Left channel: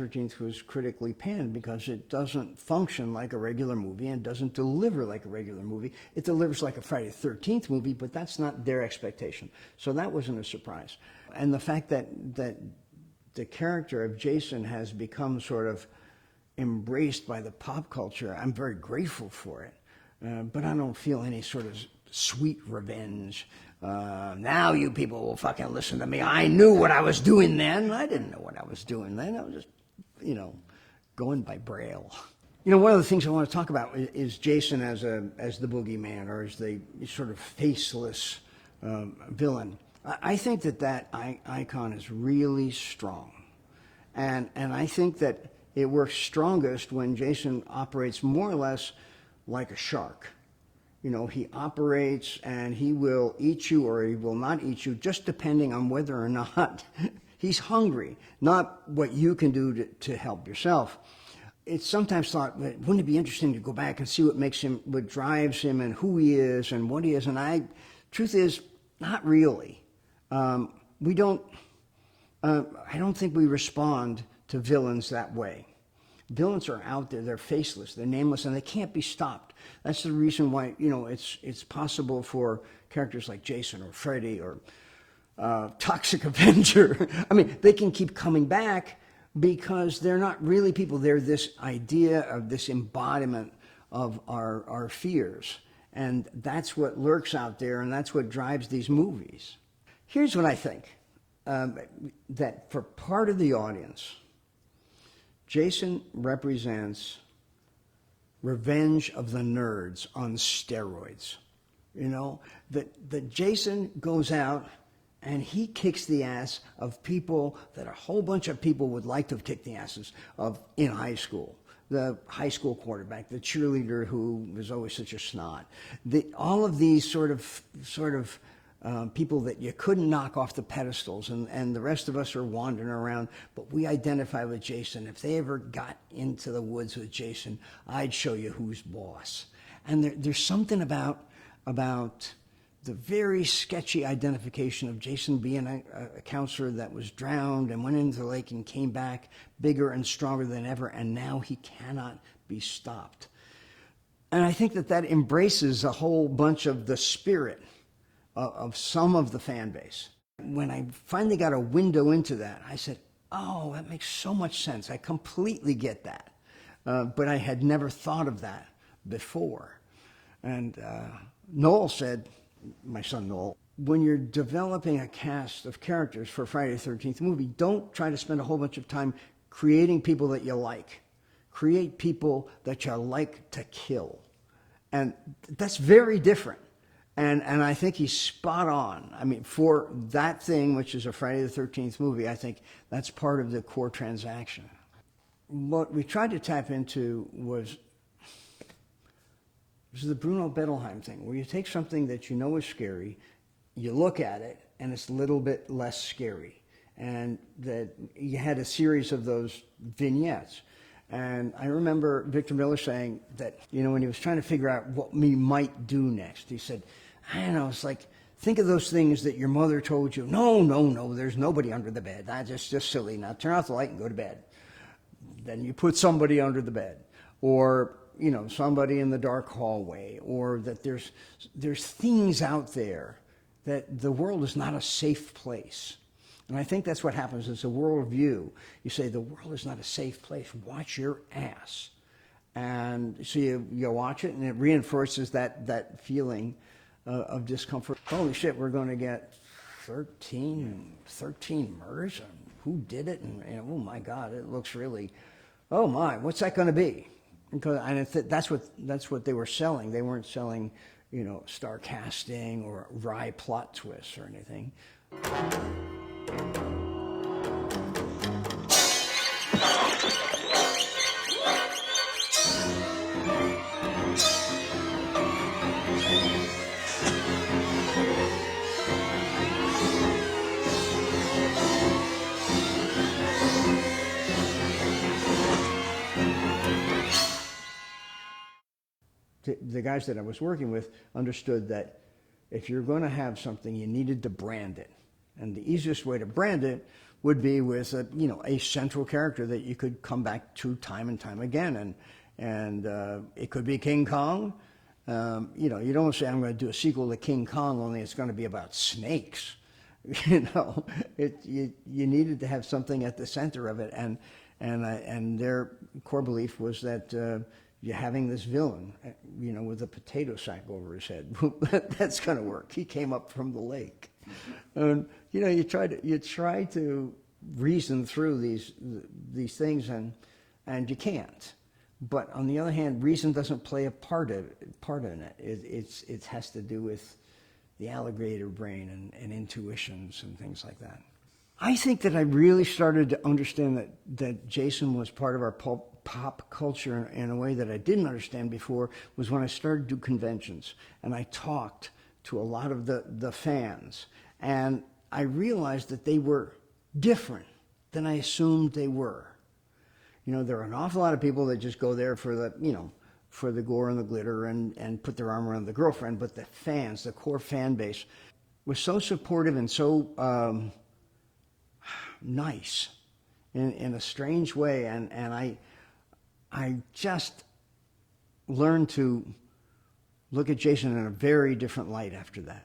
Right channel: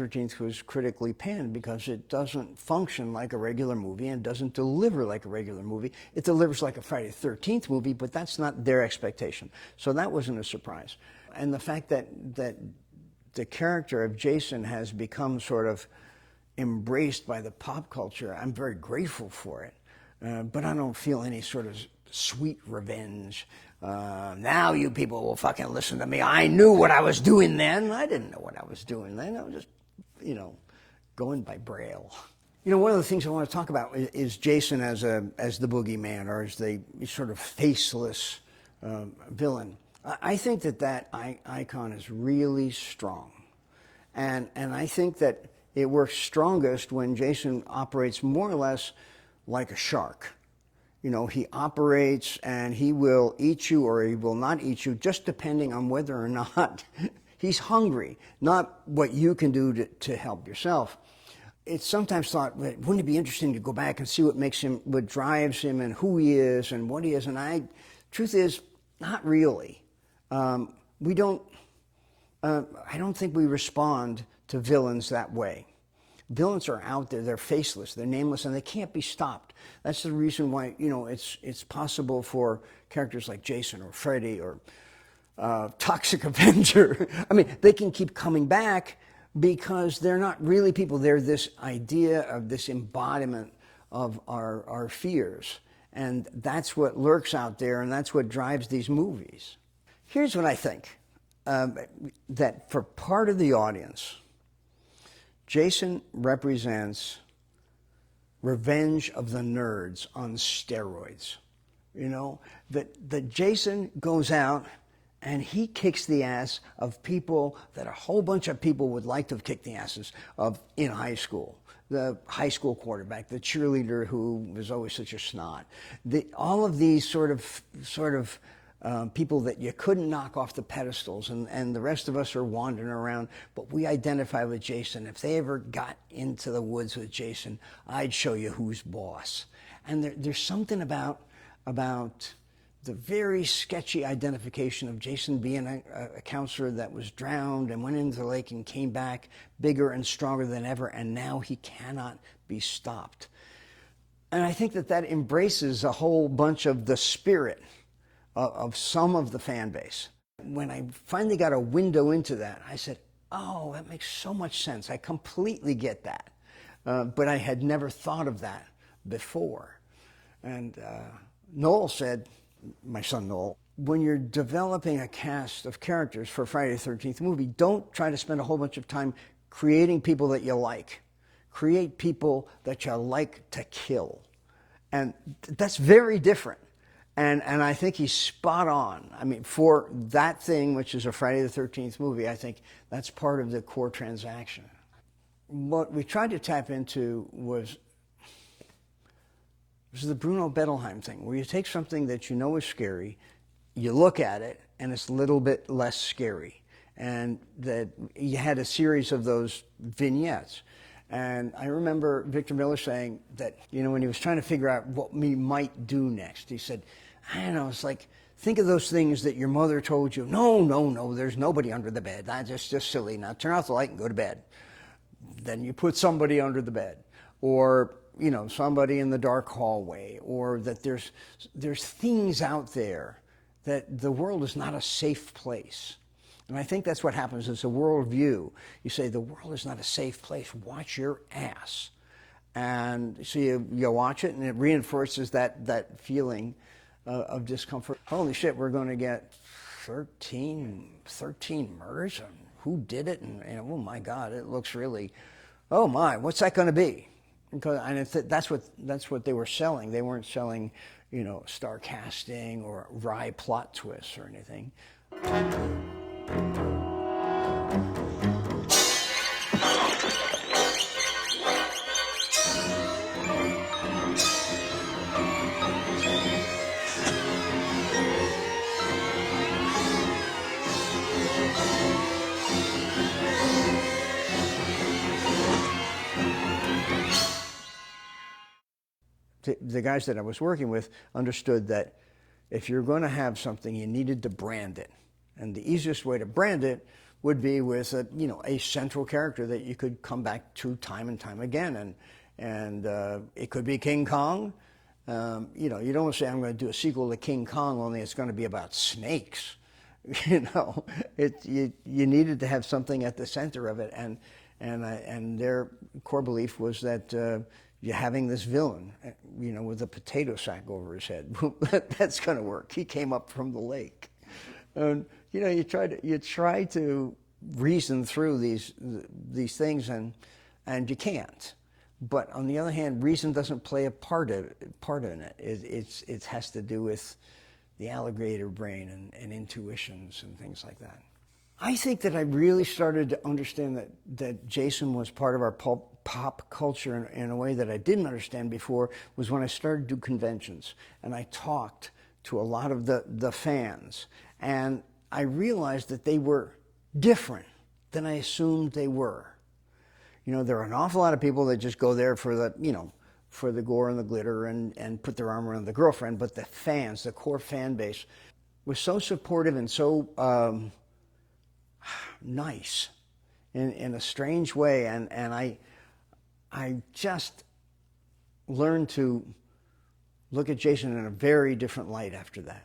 13th was critically panned because it doesn't function like a regular movie and doesn't deliver like a regular movie. It delivers like a Friday the 13th movie, but that's not their expectation. So that wasn't a surprise. And the fact that the character of Jason has become sort of embraced by the pop culture, I'm very grateful for it. But I don't feel any sort of sweet revenge. Now you people will fucking listen to me. I knew what I was doing then. I didn't know what I was doing then. I was just, going by Braille. One of the things I want to talk about is Jason as the boogeyman, or as the sort of faceless villain. I think that icon is really strong. And I think that it works strongest when Jason operates more or less like a shark. He operates and he will eat you or he will not eat you, just depending on whether or not he's hungry, not what you can do to help yourself. It's sometimes thought, wouldn't it be interesting to go back and see what drives him and who he is and what he is? And truth is, not really. I don't think we respond to villains that way. Villains are out there, they're faceless, they're nameless, and they can't be stopped. That's the reason why, it's possible for characters like Jason or Freddy or Toxic Avenger. I mean, they can keep coming back because they're not really people. They're this idea of this embodiment of our fears. And that's what lurks out there, and that's what drives these movies. Here's what I think, that for part of the audience, Jason represents Revenge of the Nerds on steroids. That Jason goes out and he kicks the ass of people that a whole bunch of people would like to kick the asses of in high school. The high school quarterback, the cheerleader who was always such a snot. All of these sort of people that you couldn't knock off the pedestals, and the rest of us are wandering around, but we identify with Jason. If they ever got into the woods with Jason, I'd show you who's boss. And there's something about the very sketchy identification of Jason being a counselor that was drowned and went into the lake and came back bigger and stronger than ever, and now he cannot be stopped. And I think that embraces a whole bunch of the spirit of some of the fan base. When I finally got a window into that, I said, oh, that makes so much sense. I completely get that. But I had never thought of that before. And Noel said, my son Noel, when you're developing a cast of characters for Friday the 13th movie, don't try to spend a whole bunch of time creating people that you like. Create people that you like to kill. And that's very different. And I think he's spot on. I mean, for that thing, which is a Friday the 13th movie, I think that's part of the core transaction. What we tried to tap into was the Bruno Bettelheim thing, where you take something that you know is scary, you look at it, and it's a little bit less scary. And that you had a series of those vignettes. And I remember Victor Miller saying that, when he was trying to figure out what we might do next, he said, I don't know, it's like, think of those things that your mother told you. No, there's nobody under the bed. That's just silly. Now turn off the light and go to bed. Then you put somebody under the bed. Or, somebody in the dark hallway. Or that there's things out there that the world is not a safe place. And I think that's what happens. It's a worldview. You say, the world is not a safe place. Watch your ass. And so you watch it, and it reinforces that feeling of discomfort. Holy shit, we're going to get 13 murders? Who did it? And oh my God, it looks really, oh my, what's that going to be? Because that's what they were selling. They weren't selling, star casting or wry plot twists or anything. The guys that I was working with understood that if you're going to have something, you needed to brand it. And the easiest way to brand it would be with a, you know, a central character that you could come back to time and time again, and it could be King Kong. You know, you don't say I'm going to do a sequel to King Kong, only it's going to be about snakes. You know, you needed to have something at the center of it, and their core belief was that you're having this villain, you know, with a potato sack over his head. That's going to work. He came up from the lake. You know, you try to reason through these things, and you can't. But on the other hand, reason doesn't play a part in it. It has to do with the alligator brain and intuitions and things like that. I think that I really started to understand that Jason was part of our pop culture in a way that I didn't understand before, was when I started to do conventions and I talked to a lot of the fans, and I realized that they were different than I assumed they were. You know, there are an awful lot of people that just go there for the, you know, for the gore and the glitter and put their arm around the girlfriend, but the fans, the core fan base, was so supportive and so nice in a strange way, and I just learned to look at Jason in a very different light after that.